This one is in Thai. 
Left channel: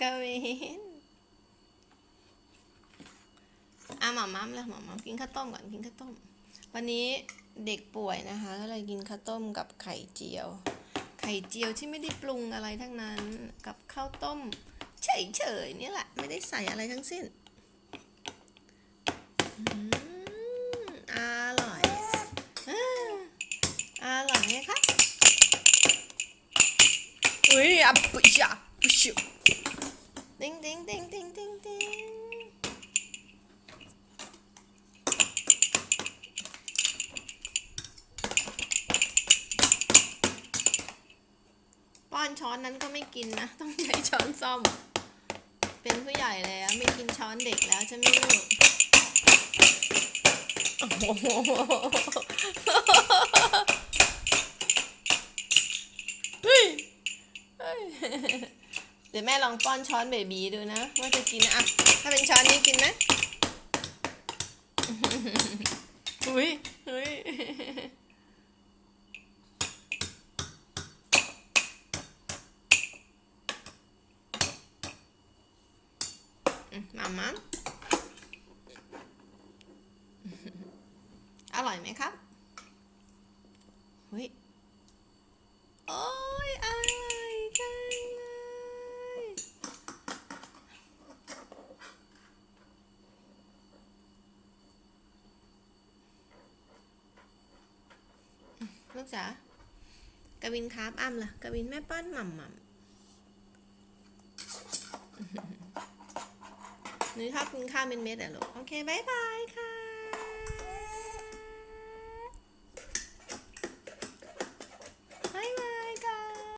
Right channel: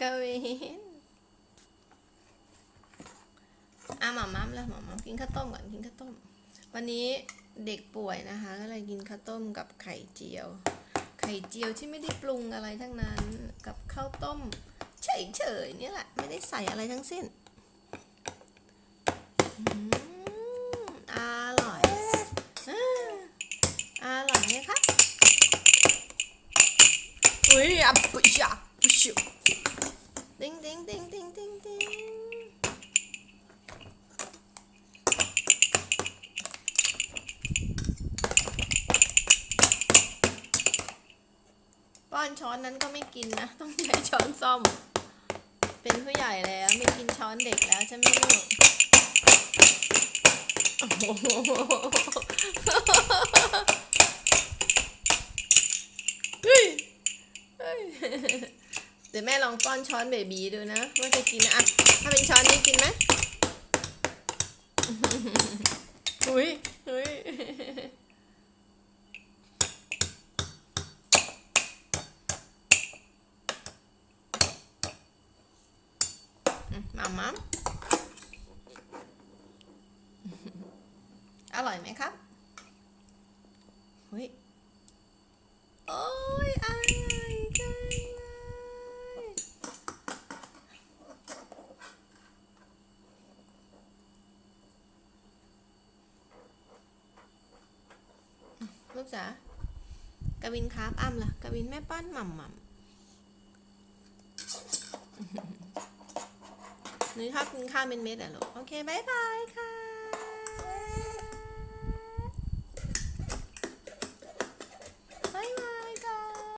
กวินอะหมาม้ามแล้วหมาม้ามกินข้าวต้มก่อนกินข้าวต้ม วันนี้เด็กป่วยนะคะ ก็เลยกินข้าวต้มกับไข่เจียว ไข่เจียวที่ไม่ได้ปรุงอะไรทั้งนั้นกับข้าวต้ม เฉยๆเนี่แหละ ไม่ได้ใส่อะไรทั้งสิ้นอืมอร่อยอร่อยไหมคะอุ้ยอะปุ๊ชอะปุ๊ชติ้งติ้งติ้งติ้งติ้งติ้งป้ อนช้อนนั้นก็ไม่กินนะ ต้องใช้ช้อนส้อม เป็นผู้ใหญ่แล้วไม่กินช้อนเด็กแล้วใช่ไหมลูกโอ้โหเฮ้ยเฮ้ยเดี๋ยวแม่ลองป้อนช้อนเบบีดูนะว่าจะกินนะอะถ้าเป็นช้อนนี้กินไหมอุ้ยอุ้ย อืมมามาอร่อยไหมครับเฮ้ยโอ้ยอร่อยจังเลยลูกจ๋ากวินครับอ้ำล่ะกวินแม่ป้อนหม่ำหม่ำ หนูชอบกินข้าวเป็นเม็ดอะลูกโอเคบายบายค่ะ